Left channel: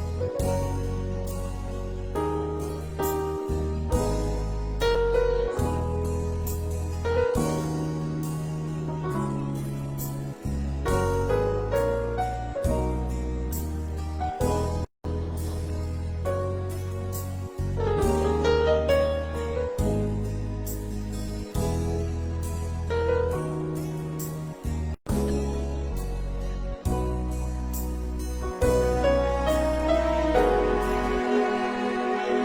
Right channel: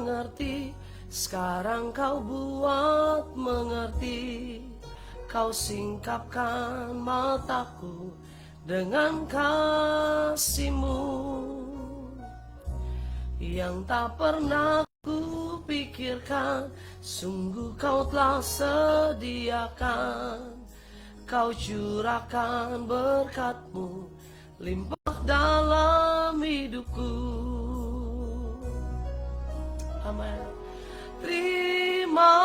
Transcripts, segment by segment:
mengerti, sekarang kau buat mengerti. Kau singkapkan mataku dengan kasih-Mu yang tak pernah kupikirkan. Sungguh kau telah sediakan, kau curahkan berkat-Mu limpah dalam hidupku. Terima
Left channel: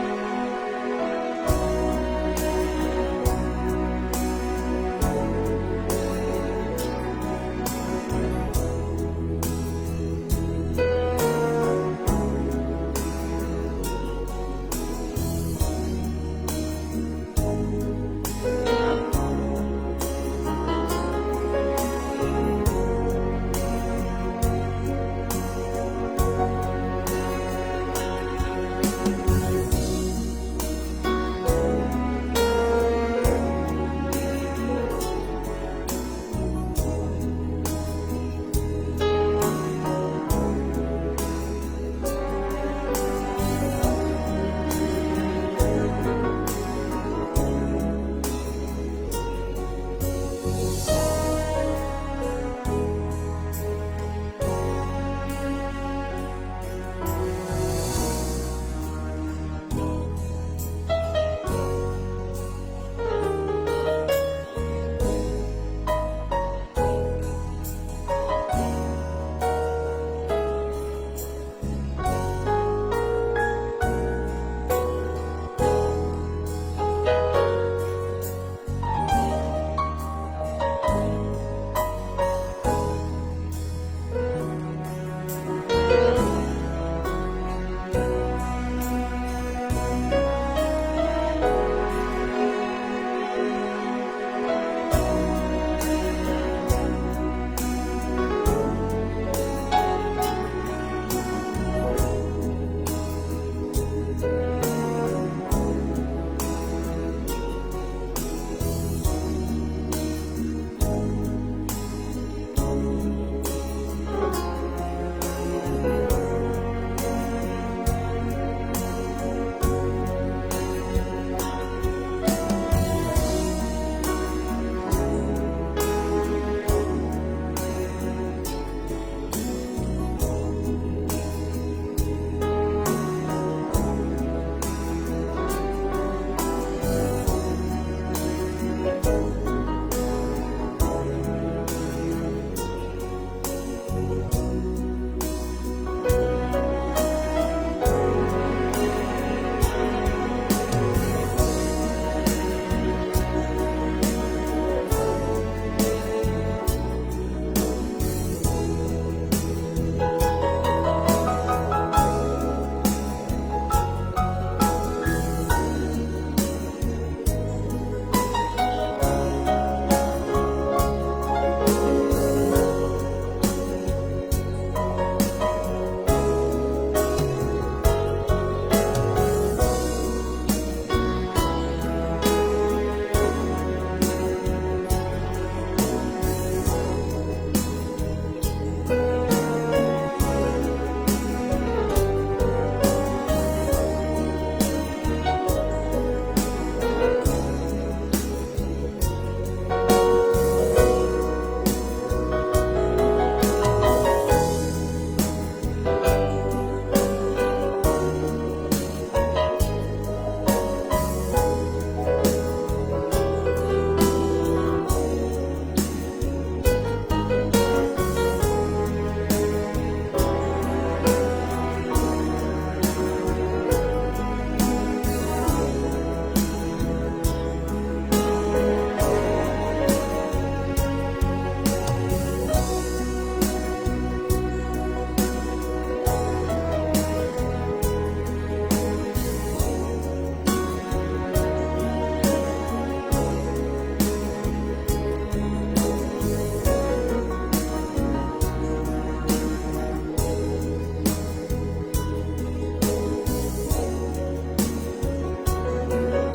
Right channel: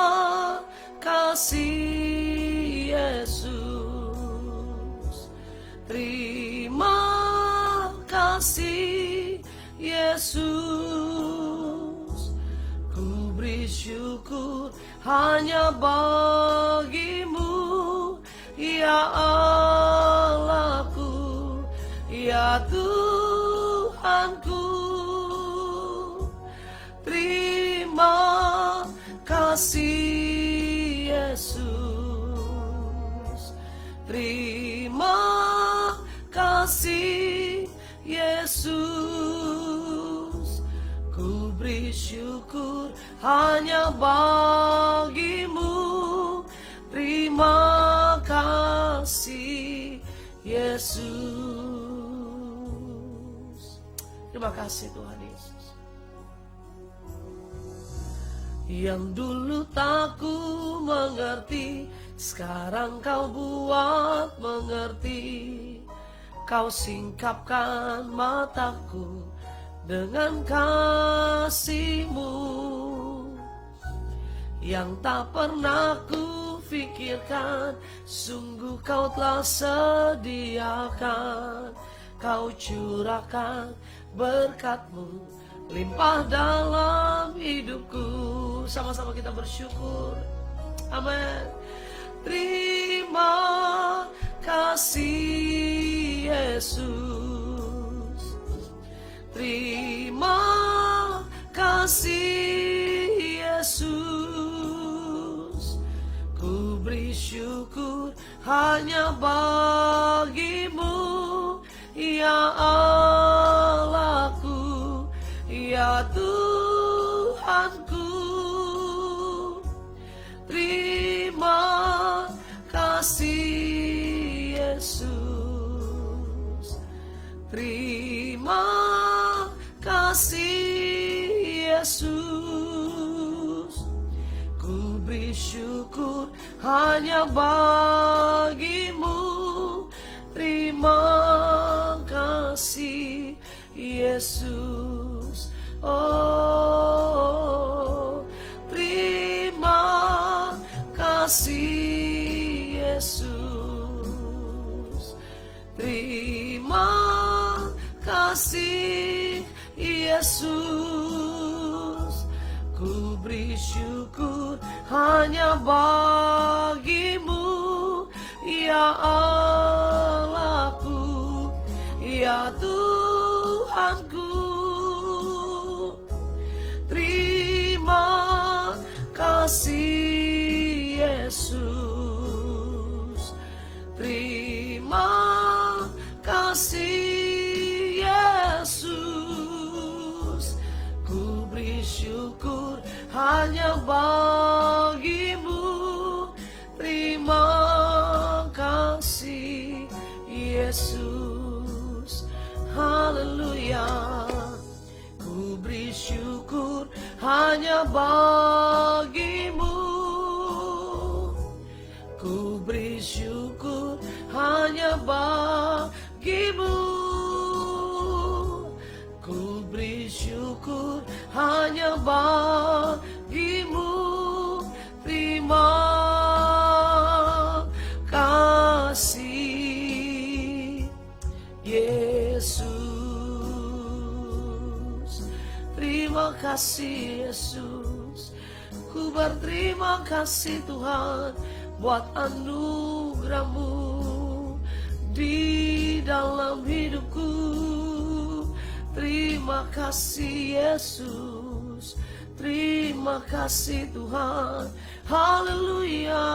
kasih Yesus, terima kasih Yesus. Beri syukur hanya bagi-Mu, ya Allahku, ya Tuhanku. Terima kasih Yesus, terima kasih Yesus. Ku beri syukur hanya bagi-Mu. Terima kasih Yesus. Terima kasih. Yang dulu tak ku mengerti, sekarang kau buat mengerti. Kau singkapkan mataku dengan kasih-Mu yang tak pernah ku pikirkan. Sungguh kau telah sediakan, kau curahkan berkat-Mu limpah dalam hidupku. Sama-sama kita bersyukur. Amin. Terima kasih Yesus, terima kasih Yesus. Ku beri syukur hanya bagi-Mu, ya Allahku, ya Tuhanku. Terima kasih Yesus, terima kasih Yesus. Ku beri syukur hanya bagi-Mu. Terima kasih Yesus. Oh, terima kasih Yesus, terima kasih Yesus. Ku beri syukur hanya bagi-Mu, ya Allahku, ya Tuhanku. Terima kasih Yesus, terima kasih Yesus. Beri syukur hanya bagi-Mu. Terima kasih Yesus. Haleluya. Beri syukur hanya bagi-Mu. Beri syukur hanya bagi-Mu. Beri syukur hanya bagi-Mu. Terima kasih Yesus. Terima kasih Yesus. Ku berterima kasih Tuhan buat anugerah-Mu di dalam hidupku. Terima kasih Yesus, terima kasih Tuhan. Haleluya.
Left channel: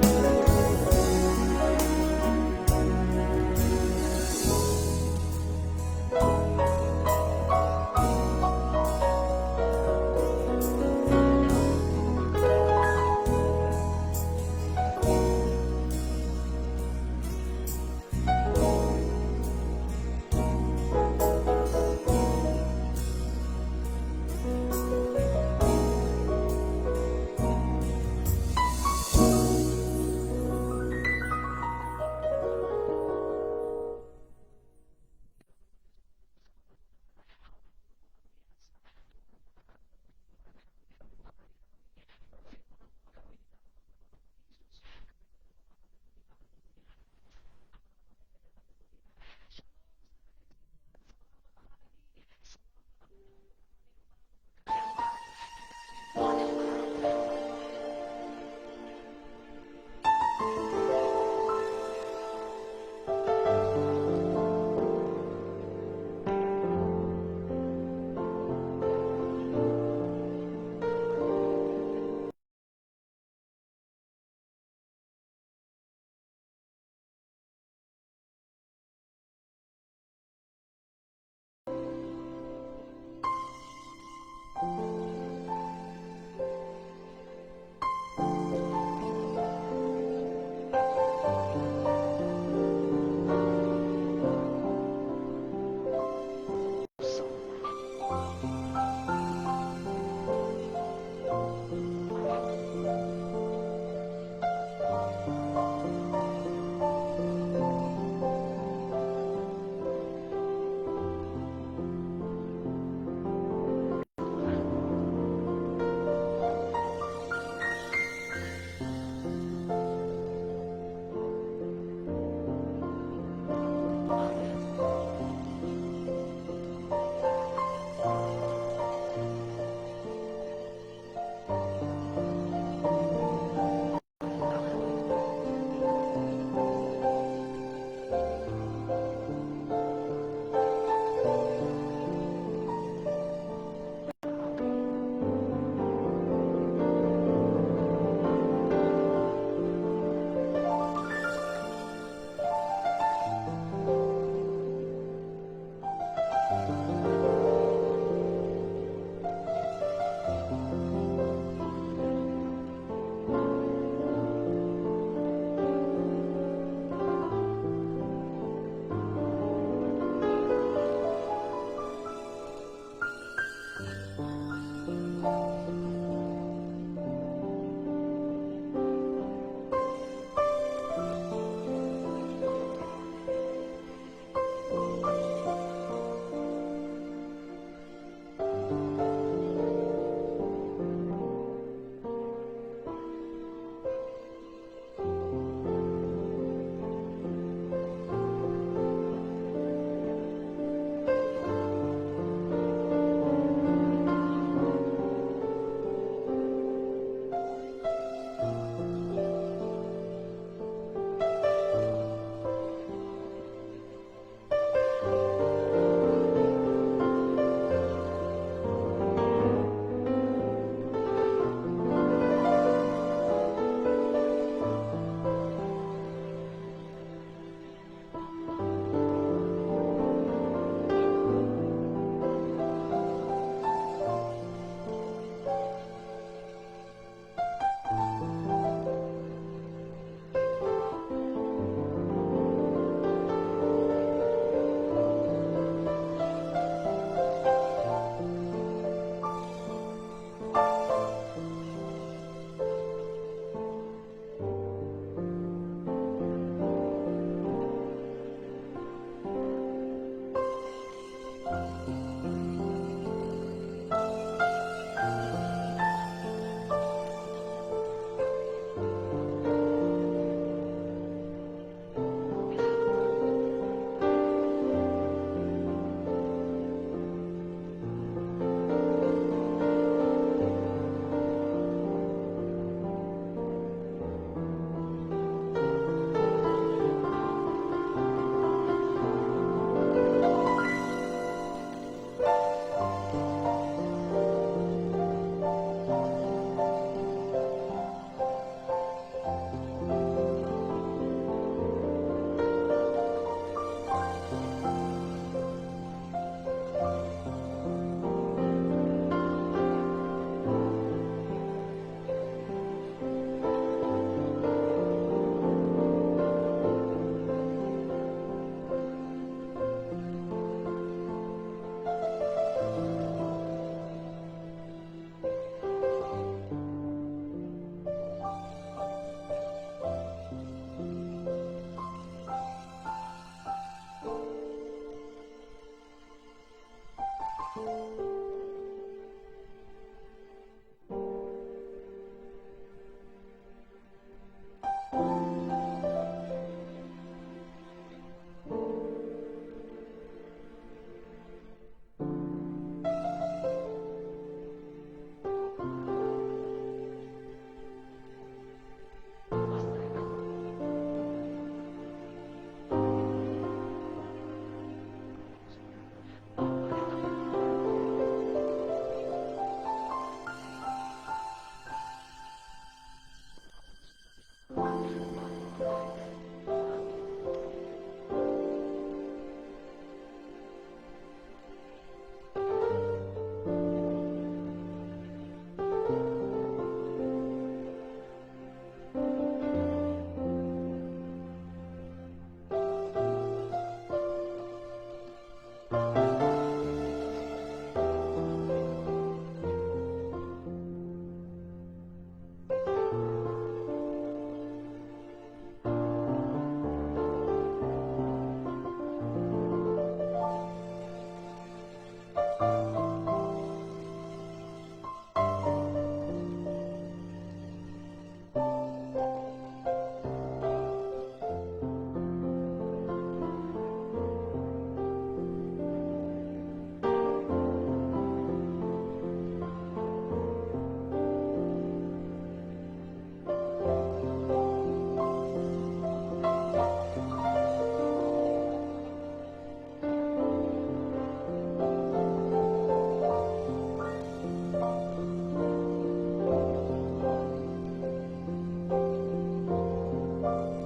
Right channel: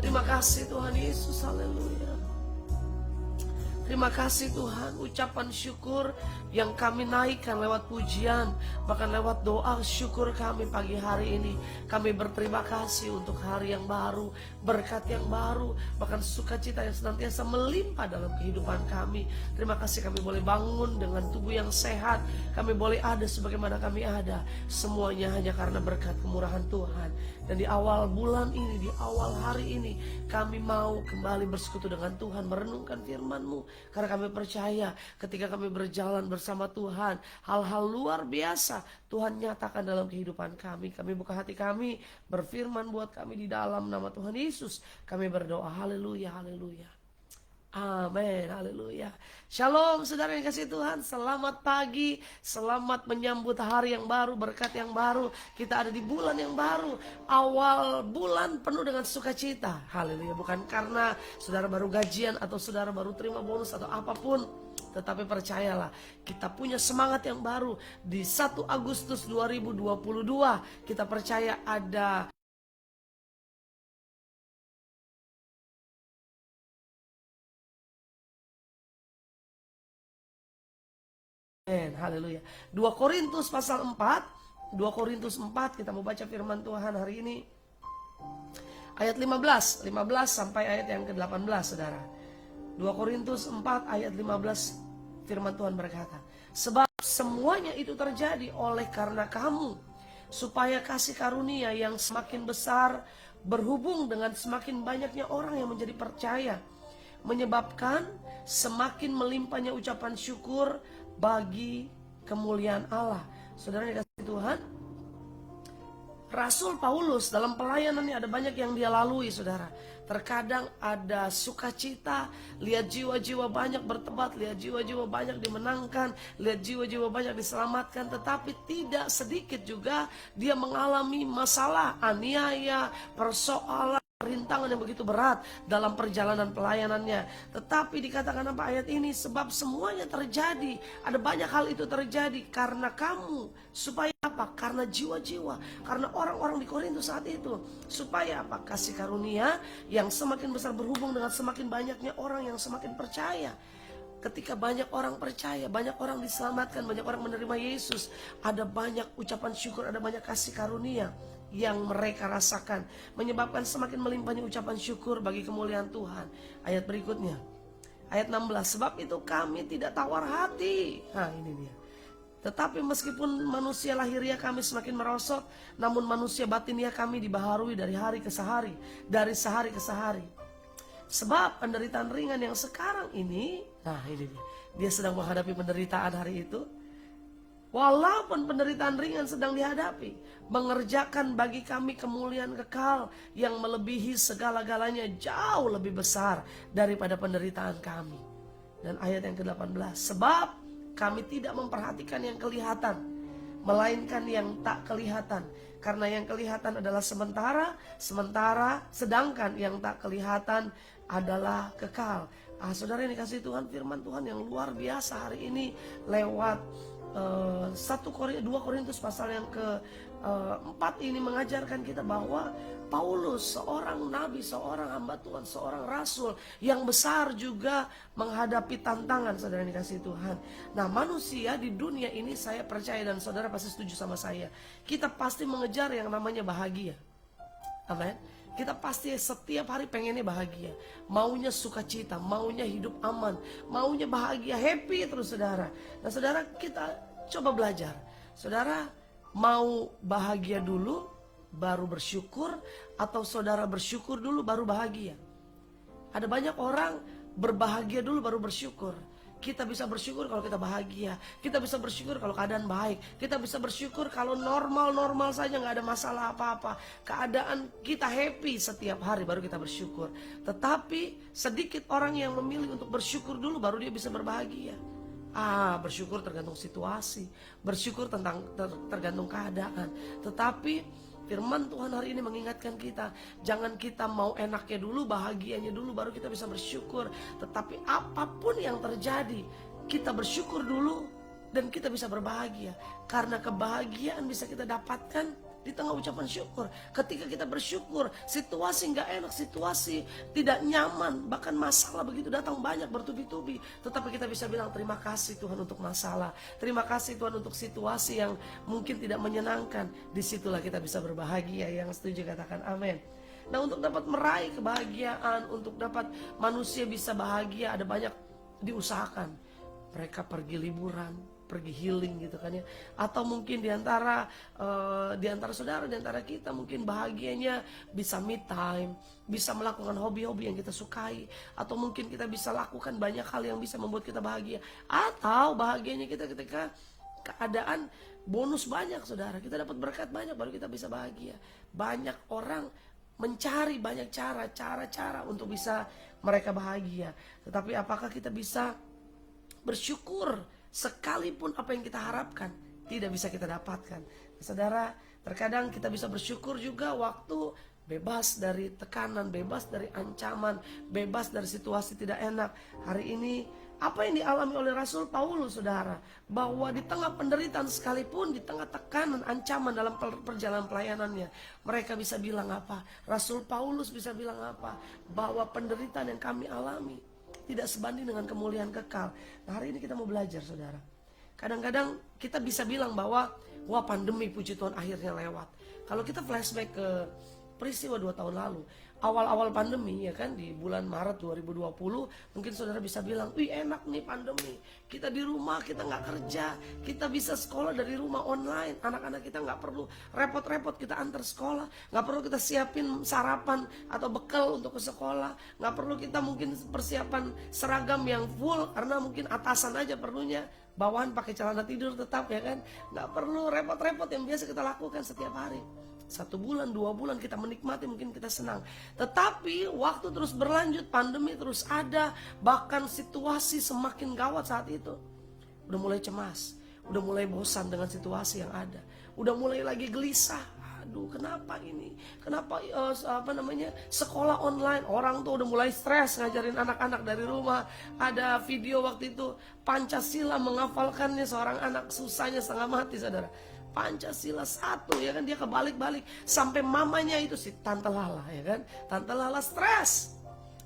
Terima kasih Tuhan Yesus. Terima kasih Tuhan, ucapan syukur yang kami kami naikkan lewat pujian, bahkan lewat doa syukur kami pagi hari ini. Kami berterima kasih untuk hari yang baru, berkat yang baru, bahkan sukacita yang senantiasa melimpah dalam kehidupan kami. Terima kasih kami boleh bangun dengan tubuh yang sehat, kami boleh ada sebagaimana kami ada. Semuanya hanya karena berkat kemurahan Tuhan. Dari awal bulan ini, di awal hari ini, kami mau kembali bersekutu dengan Tuhan, merenungkan firman-Mu. Karena kami percaya ketika kami berjalan bersama Tuhan, hal-hal luar biasa Tuhan nyatakan dalam kehidupan kami. Kami buka hati kami, berfirman buat kami di dalam nama Tuhan Yesus. Kami berdoa, haleluya, haleluya. Amin, haleluya. Shalom saudara yang kasih Tuhan, selamat pagi, selamat menyambut hari yang baru, berkat yang baru. Kita ada di bulan yang baru, awal bulan penuh dengan sukacita. Haleluya, bukan karena saudara baru gajian atau saudara baru terima bonus atau apapun, tetapi percayalah, kita punya semangat yang baru. Di 1 Agustus 2022 kita percaya ada haleluya. 2 Korintus pasal 4, 2 Korintus 4 kita mau baca firman Tuhan hari ini. Ayat 15 sampai ayat yang ke-18 saudara. 2 Korintus 4 ayat 15 firman Tuhan berkata, sebab semuanya itu terjadi oleh karena kamu, supaya kasih karunia yang semakin besar berhubung dengan semakin banyaknya orang yang menjadi percaya, menyebabkan semakin melimpahnya ucapan syukur bagi kemuliaan Allah. Saudara dikasih Tuhan, Rasul Paulus dalam pelayanannya ada banyak yang dia lalui saudara. Terkadang ada sukacita, lihat jiwa-jiwa banyak bertobat, lihat jiwa-jiwa banyak dimenangkan, lihat jiwa-jiwa banyak diselamatkan. Tetapi tidak sedikit juga dia mengalami masalah, aniaya, persoalan, rintangan yang begitu berat dalam perjalanan pelayanannya. Tetapi dikatakan apa ayat ini? Sebab semuanya terjadi, ada banyak hal itu terjadi karena kamu. Supaya apa? Karena jiwa-jiwa, karena orang-orang di Korintus saat itu. Supaya apa? Kasih karunia yang semakin besar berhubung dengan semakin banyaknya orang yang semakin percaya. Ketika banyak orang percaya, banyak orang diselamatkan, banyak orang menerima Yesus, ada banyak ucapan syukur, ada banyak kasih karunia yang mereka rasakan, menyebabkan semakin melimpahnya ucapan syukur bagi kemuliaan Tuhan. Ayat berikutnya, ayat 16, sebab itu kami tidak tawar hati. Tetapi meskipun manusia lahiriah kami semakin merosot, namun manusia batiniah kami dibaharui dari hari ke hari, dari sehari ke sehari. Sebab penderitaan ringan yang sekarang ini, ini dia sedang menghadapi penderitaan hari itu. Walaupun penderitaan ringan sedang dihadapi, mengerjakan bagi kami kemuliaan kekal yang melebihi segala-galanya, jauh lebih besar daripada penderitaan kami. Dan ayat yang ke-18, sebab kami tidak memperhatikan yang kelihatan, melainkan yang tak kelihatan. Karena yang kelihatan adalah sementara, sedangkan yang tak kelihatan adalah kekal. Saudara yang dikasih Tuhan, firman Tuhan yang luar biasa hari ini lewat 2 Korintus pasal yang ke-4 ini mengajarkan kita bahwa Paulus seorang nabi, seorang hamba Tuhan, seorang rasul yang besar juga menghadapi tantangan, saudara dikasih Tuhan. Nah, manusia di dunia ini, saya percaya dan saudara pasti setuju sama saya, kita pasti mengejar yang namanya bahagia. Amen. Kita pasti setiap hari pengennya bahagia, maunya sukacita, maunya hidup aman, maunya bahagia, happy terus saudara. Nah saudara, kita coba belajar. Saudara mau bahagia dulu baru bersyukur, atau saudara bersyukur dulu baru bahagia? Ada banyak orang berbahagia dulu baru bersyukur. Kita bisa bersyukur kalau kita bahagia, kita bisa bersyukur kalau keadaan baik, kita bisa bersyukur kalau normal-normal saja, gak ada masalah apa-apa, keadaan kita happy setiap hari, baru kita bersyukur. Tetapi sedikit orang yang memilih untuk bersyukur dulu baru dia bisa berbahagia. Bersyukur tergantung situasi, bersyukur tergantung keadaan. Tetapi firman Tuhan hari ini mengingatkan kita, jangan kita mau enaknya dulu, bahagianya dulu baru kita bisa bersyukur. Tetapi apapun yang terjadi, kita bersyukur dulu dan kita bisa berbahagia. Karena kebahagiaan bisa kita dapatkan di tengah ucapan syukur. Ketika kita bersyukur, situasi gak enak, situasi tidak nyaman, bahkan masalah begitu datang banyak bertubi-tubi, tetapi kita bisa bilang terima kasih Tuhan untuk masalah, terima kasih Tuhan untuk situasi yang mungkin tidak menyenangkan. Disitulah kita bisa berbahagia. Yang setuju katakan amin. Nah, untuk dapat meraih kebahagiaan, untuk dapat manusia bisa bahagia, ada banyak diusahakan. Mereka pergi liburan, pergi healing gitu kan ya. Atau mungkin diantara saudara, diantara kita mungkin bahagianya bisa me time, bisa melakukan hobi-hobi yang kita sukai, atau mungkin kita bisa lakukan banyak hal yang bisa membuat kita bahagia. Atau bahagianya kita ketika keadaan bonus banyak, saudara, kita dapat berkat banyak baru kita bisa bahagia. Banyak orang mencari banyak cara untuk bisa mereka bahagia. Tetapi apakah kita bisa bersyukur sekalipun apa yang kita harapkan tidak bisa kita dapatkan? Saudara, terkadang kita bisa bersyukur juga waktu bebas dari tekanan, bebas dari ancaman, bebas dari situasi tidak enak. Hari ini apa yang dialami oleh Rasul Paulus, saudara, bahwa di tengah penderitaan sekalipun, di tengah tekanan, ancaman dalam perjalanan pelayanannya, mereka bisa bilang apa? Rasul Paulus bisa bilang apa? Bahwa penderitaan yang kami alami tidak sebanding dengan kemuliaan kekal. Nah, hari ini kita mau belajar, saudara. Kadang-kadang kita bisa bilang bahwa wah, pandemi puji Tuhan akhirnya lewat. Kalau kita flashback ke peristiwa 2 tahun lalu, awal-awal pandemi ya kan, di bulan Maret 2020, mungkin saudara bisa bilang, wih enak nih pandemi, kita di rumah, kita gak kerja, kita bisa sekolah dari rumah online, anak-anak kita gak perlu repot-repot kita antar sekolah, gak perlu kita siapin sarapan atau bekal untuk ke sekolah, gak perlu kita mungkin persiapan seragam yang full, karena mungkin atasan aja perlunya, bawahan pakai celana tidur tetap ya kan, gak perlu repot-repot yang biasa kita lakukan setiap hari. 1 bulan, 2 bulan kita menikmati, mungkin kita senang. Tetapi waktu terus berlanjut, pandemi terus ada, bahkan situasi semakin gawat saat itu. Udah mulai cemas, udah mulai bosan dengan situasi yang ada, udah mulai lagi gelisah. Aduh, kenapa ini? Kenapa sekolah online? Orang tuh udah mulai stres ngajarin anak-anak dari rumah. Ada video waktu itu Pancasila, menghafalkannya seorang anak susahnya setengah mati, saudara. Pancasila 1 ya kan, dia kebalik-balik sampai mamanya itu si Tante Lala ya kan, Tante Lala stres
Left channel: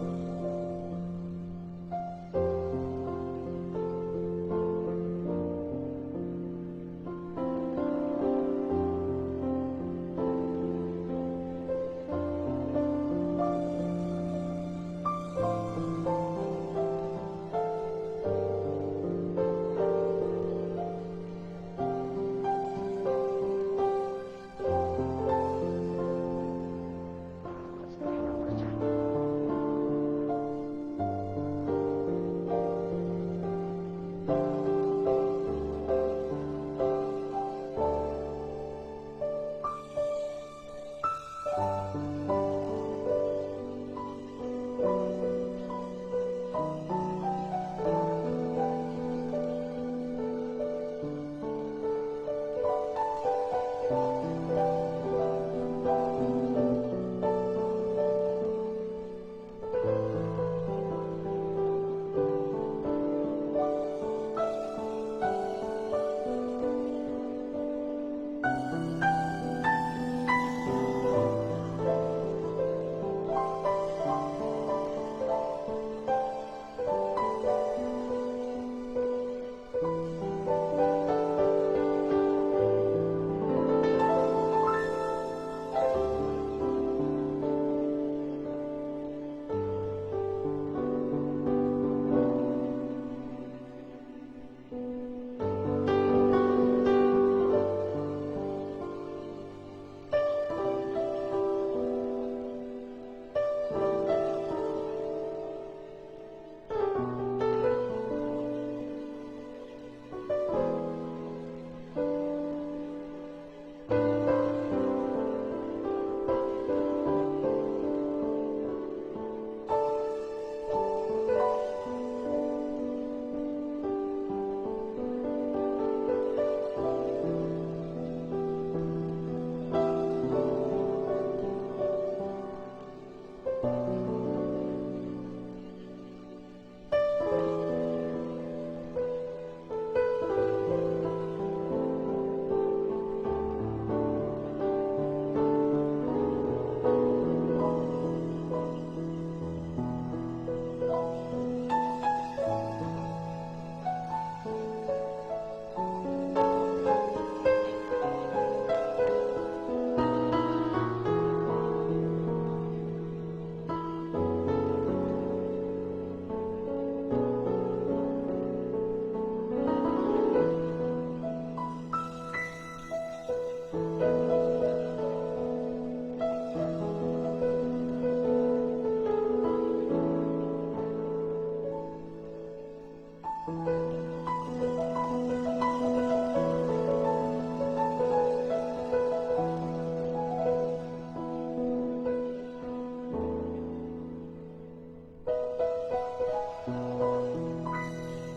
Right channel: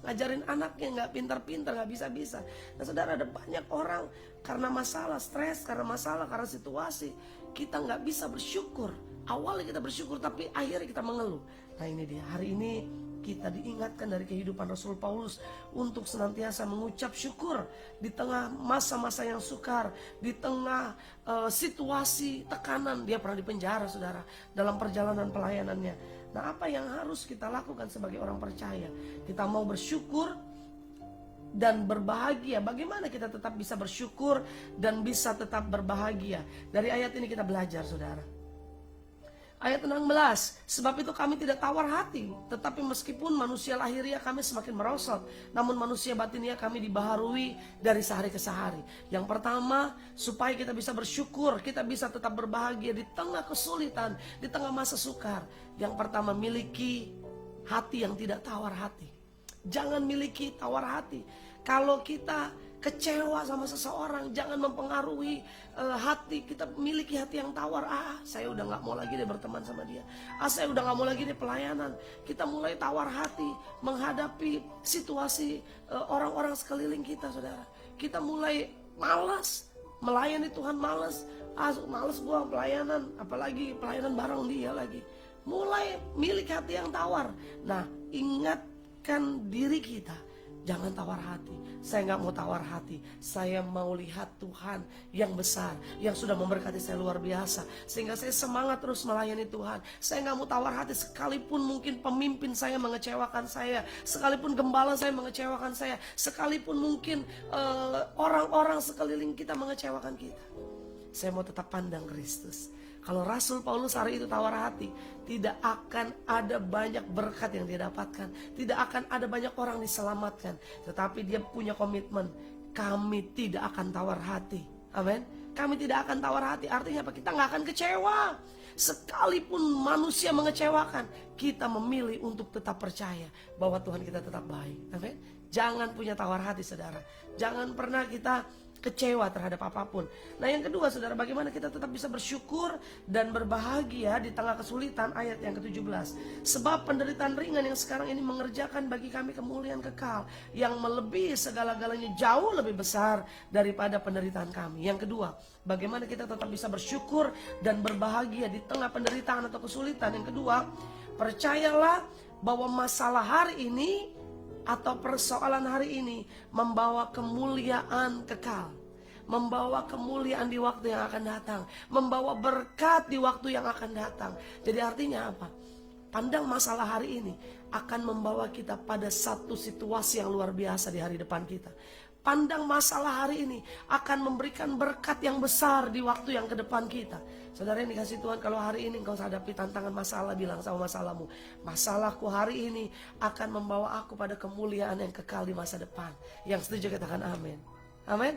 ngajarin anaknya, nggak pintar-pintar, nggak bisa-bisa. Nah, saudara, ada banyak orang karena masalah stres, karena masalah, karena situasi, kita nggak bisa bersyukur. Awalnya kita bersyukur tapi akhirnya kita mengeluh. Nah, ini dia, hari ini kita diingatkan dari kehidupan Rasul Paulus untuk senantiasa mengucap syukur di tengah masa-masa yang sukar, di tengah situasi tekanan. Dia pernah dipenjara, saudara, dalam perjalanan pelayanannya. Nah, apa yang harus kita lakukan sebagai orang percaya? Kita mau bersyukur dan berbahagia. Bagaimana kita tetap bisa bersyukur dan bisa tetap berbahagia? Dari ayat ini kita belajar, saudara. Ayat 16, sebab itu kami tidak tawar hati, tetapi meskipun manusia lahiriah kami semakin merosot, namun manusia batiniah kami dibaharui dari sehari ke sehari. Yang pertama, supaya kita bisa bersyukur, kita bisa tetap berbahagia di tengah kesulitan, di tengah masa sukar. Yang pertama, miliki hati yang tidak tawar hati. Jangan miliki tawar hati. Kalau kita kecewa sama seseorang, jangan mempengaruhi hati kita, miliki hati yang tawar. Saya udah gak mau lagi berteman sama dia, saya udah gak mau lagi di pelayanan. Kita mulai tawar hati menghadapi situasi orang-orang sekeliling kita, saudara. Kita mulai malas melayani Tuhan, malas gua pelayanan, apalagi pelayanan bareng dia lagi. Mulai miliki hati yang tawar. Nah, ingatkan diri kita, jangan tawar hati. Saya gak mau tawar hati. Saya mau lihat Tuhan yang besar, yang sudah memberkati saya luar biasa, sehingga saya semangat terus melayani Tuhan. Saya gak mau tawar hati sekalipun mungkin pemimpin saya mengecewakan saya, sekalipun gembala saya mengecewakan saya, sekalipun mungkin orang-orang sekeliling kita mengecewakan kita. Saya mau tetap pandang Kristus. Kalau Rasul Paulus hari itu tawar hati, tidak akan ada banyak berkat yang dia dapatkan, tidak akan ada banyak orang diselamatkan. Tetapi dia punya komitmen, kami tidak akan tawar hati. Amin. Kami tidak akan tawar hati. Artinya apa? Kita gak akan kecewa. Sekalipun manusia mengecewakan, kita memilih untuk tetap percaya bahwa Tuhan kita tetap baik. Amin. Jangan punya tawar hati, saudara. Jangan pernah kita kecewa terhadap apapun. Nah yang kedua saudara, bagaimana kita tetap bisa bersyukur dan berbahagia di tengah kesulitan. Ayat yang ke-17, sebab penderitaan ringan yang sekarang ini mengerjakan bagi kami kemuliaan kekal yang melebihi segala-galanya, jauh lebih besar daripada penderitaan kami. Yang kedua, bagaimana kita tetap bisa bersyukur dan berbahagia di tengah penderitaan atau kesulitan. Yang kedua, percayalah bahwa masalah hari ini atau persoalan hari ini membawa kemuliaan kekal, membawa kemuliaan di waktu yang akan datang, membawa berkat di waktu yang akan datang. Jadi artinya apa? Pandang masalah hari ini akan membawa kita pada satu situasi yang luar biasa di hari depan kita. Pandang masalah hari ini akan memberikan berkat yang besar di waktu yang ke depan kita. Saudara yang dikasih Tuhan, kalau hari ini kau hadapi tantangan masalah, bilang sama masalahmu, masalahku hari ini akan membawa aku pada kemuliaan yang kekal di masa depan. Yang setuju katakan amin. Amin.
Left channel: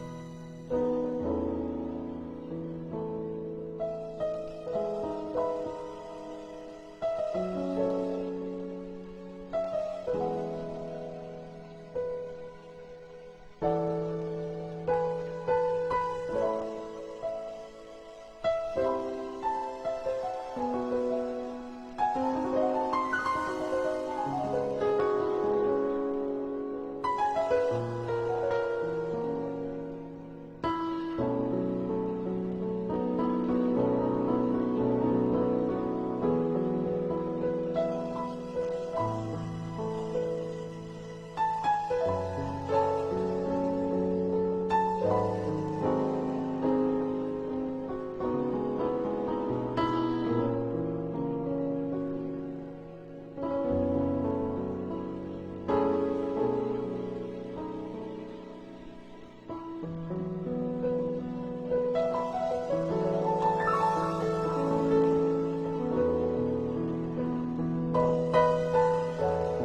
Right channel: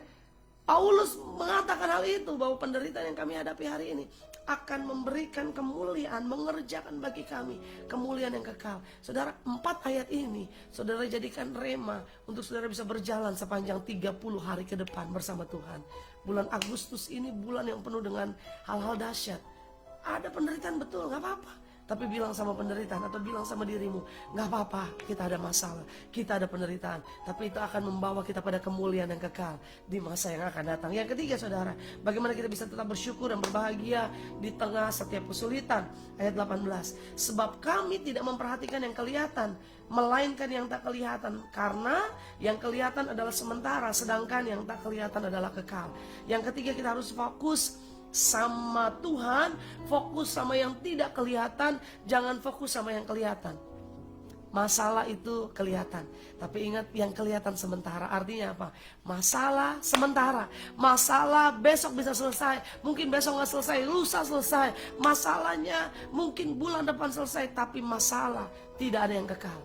Paulus mengatakan hal itu, bahwa penderitaan yang kami hadapi hari ini akan memberikan kemuliaan, mengerjakan bagi kami kemuliaan yang kekal. Saudara, 4 ayat ini saudara jadikan rema untuk saudara bisa berjalan sepanjang 30 hari ke depan bersama Tuhan. Bulan Agustus ini bulan yang penuh dengan hal-hal dahsyat. Ada penderitaan, betul, gak apa-apa. Tapi bilang sama penderitaan atau bilang sama dirimu, gak apa-apa, kita ada masalah, kita ada penderitaan, tapi itu akan membawa kita pada kemuliaan yang kekal di masa yang akan datang. Yang ketiga saudara, bagaimana kita bisa tetap bersyukur dan berbahagia di tengah setiap kesulitan. Ayat 18, sebab kami tidak memperhatikan yang kelihatan, melainkan yang tak kelihatan, karena yang kelihatan adalah sementara, sedangkan yang tak kelihatan adalah kekal. Yang ketiga, kita harus fokus sama Tuhan, fokus sama yang tidak kelihatan, jangan fokus sama yang kelihatan. Masalah itu kelihatan, tapi ingat yang kelihatan sementara. Artinya apa? Masalah sementara. Masalah besok bisa selesai, mungkin besok nggak selesai, lusa selesai. Masalahnya mungkin bulan depan selesai, tapi masalah tidak ada yang kekal.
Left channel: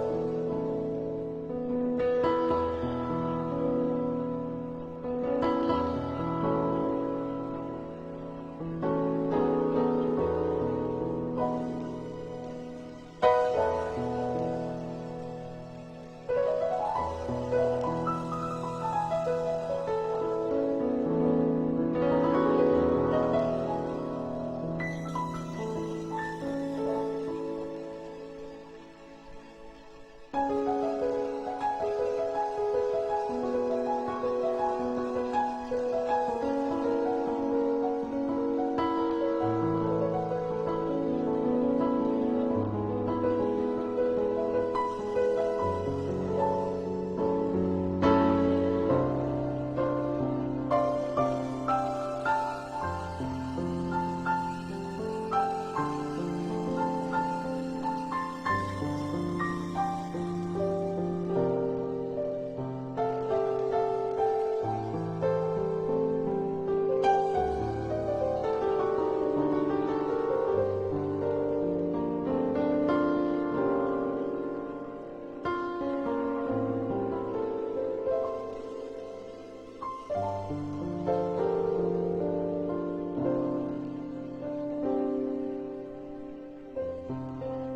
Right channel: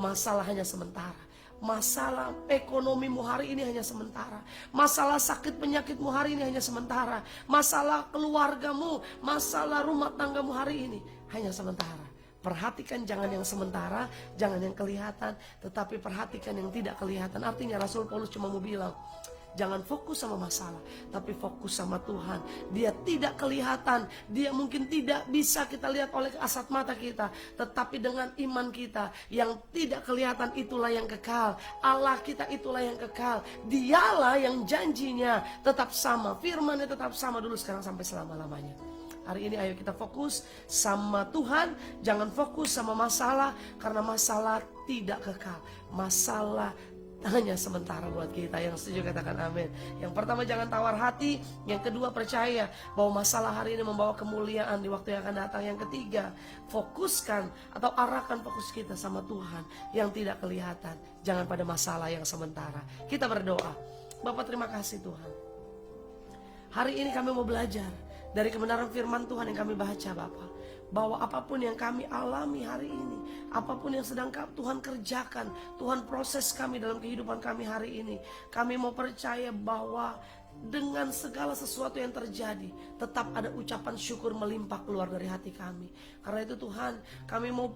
Masalah hanya sementara. Masalah ekonomimu hari ini hanya sementara. Masalah sakit penyakitmu hari ini hanya sementara. Masalah keluargamu, masalah rumah tanggamu hari ini hanya sementara. Perhatikan jangan yang sementara, jangan yang kelihatan, tetapi perhatikan yang tidak kelihatan. Artinya Rasul Paulus cuma mau bilang, jangan fokus sama masalah, tapi fokus sama Tuhan. Dia tidak kelihatan, dia mungkin tidak bisa kita lihat oleh kasat mata kita, tetapi dengan iman kita yang tidak kelihatan, itulah yang kekal. Allah kita itulah yang kekal. Dialah yang janjinya tetap sama, firman-Nya tetap sama dulu, sekarang sampai selama-lamanya. Hari ini ayo kita fokus sama Tuhan, jangan fokus sama masalah, karena masalah tidak kekal. Masalah hanya sementara. Kita yang setuju katakan amin. Yang pertama, jangan tawar hati. Yang kedua, percaya bahwa masalah hari ini membawa kemuliaan di waktu yang akan datang. Yang ketiga, fokuskan atau arahkan fokus kita sama Tuhan yang tidak kelihatan, jangan pada masalah yang sementara. Kita berdoa. Bapak, terima kasih Tuhan, hari ini kami mau belajar dari kebenaran firman Tuhan yang kami baca, Bapak, bahwa apapun yang kami alami hari ini, apapun yang sedang Tuhan kerjakan, Tuhan proses kami dalam kehidupan kami hari ini, kami mau percaya bahwa dengan segala sesuatu yang terjadi, tetap ada ucapan syukur melimpah keluar dari hati kami. Karena itu Tuhan, kami mau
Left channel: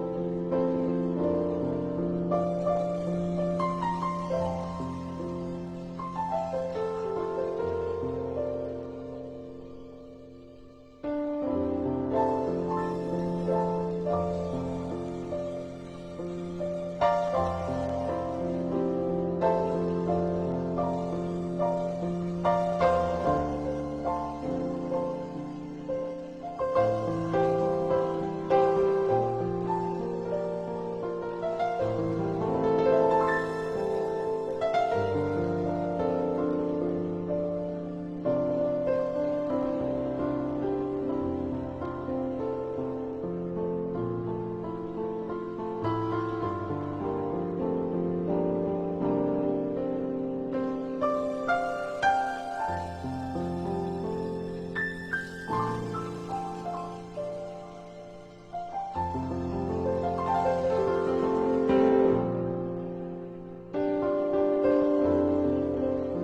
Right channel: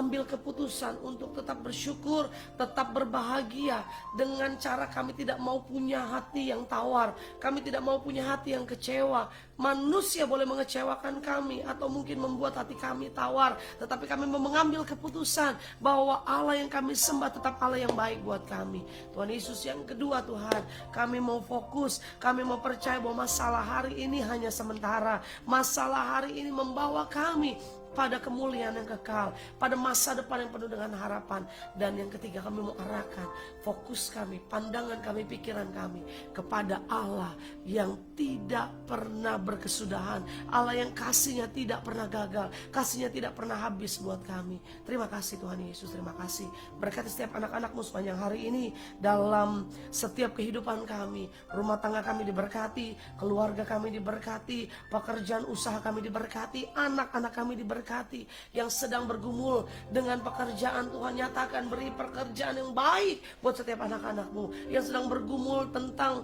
ambil keputusan untuk tetap bersyukur, tetap berbahagia, dengan cara kami tidak mau punya hati yang tawar, kami tidak mau punya hati yang kecewa. Manusia boleh mengecewakan kami atau mungkin membuat hati kami tawar, tetapi kami mau mengambil keputusan bahwa Allah yang kami sembah tetap Allah yang baik buat kami. Tuhan Yesus, yang kedua Tuhan, kami mau fokus, kami mau percaya bahwa masalah hari ini hanya sementara. Masalah hari ini membawa kami pada kemuliaan yang kekal, pada masa depan yang penuh dengan harapan. Dan yang ketiga, kami mau tinggalkan fokus kami, pandangan kami, pikiran kami kepada Allah yang tidak pernah berkesudahan, Allah yang kasihnya tidak pernah gagal, kasihnya tidak pernah habis buat kami. Terima kasih Tuhan Yesus, terima kasih. Berkati setiap anak-anakmu sepanjang hari ini, dalam setiap kehidupan kami. Rumah tangga kami diberkati, keluarga kami diberkati, pekerjaan usaha kami diberkati, anak-anak kami diberkati. Yang sedang bergumul dengan pekerjaan, Tuhan nyatakan menjadi pekerjaan yang baik buat setiap anak-anakmu. Yang sedang bergumul tentang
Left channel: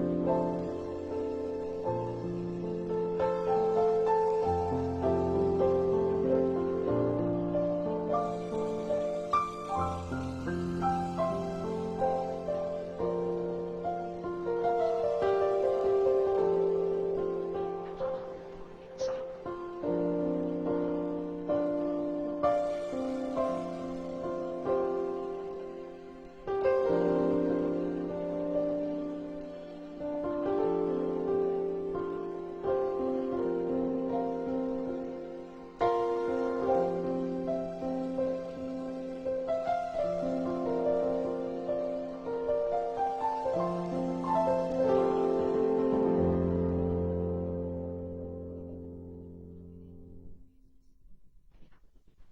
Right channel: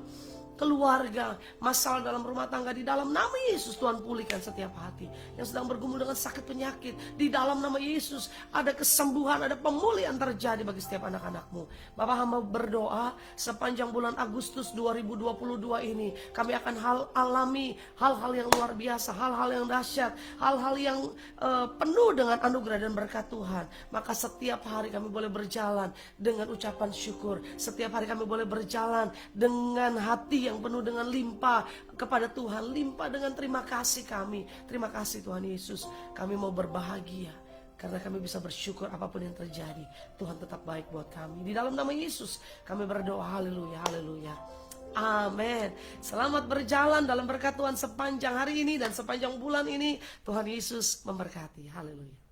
keluarga, masalah dalam rumah tangga, di dalam nama Yesus Tuhan pulihkan setiap hati. Yang sedang bergumul dengan sakit penyakit, di dalam nama Yesus ada kesembuhan, ada pemulihan terjadi bagi setiap anak-anakmu. Bapak hamba berdoa sepanjang bulan Agustus 2022 ini kami akan alami hal-hal yang luar biasa, hal-hal yang dahsyat, hal-hal yang penuh dengan anugerah dan berkat Tuhan. Maka setiap hari kami boleh berjalan dengan ucapan syukur. Setiap hari kami boleh berjalan dengan hati yang penuh dengan limpah kepada Tuhan, limpah dengan terima kasih kami. Terima kasih Tuhan Yesus. Kami mau berbahagia karena kami bisa bersyukur apapun yang terjadi. Tuhan tetap baik buat kami. Di dalam nama Yesus kami berdoa. Haleluya, haleluya. Amin. Selamat berjalan dalam berkat Tuhan sepanjang hari ini dan sepanjang bulan ini. Tuhan Yesus memberkati. Haleluya.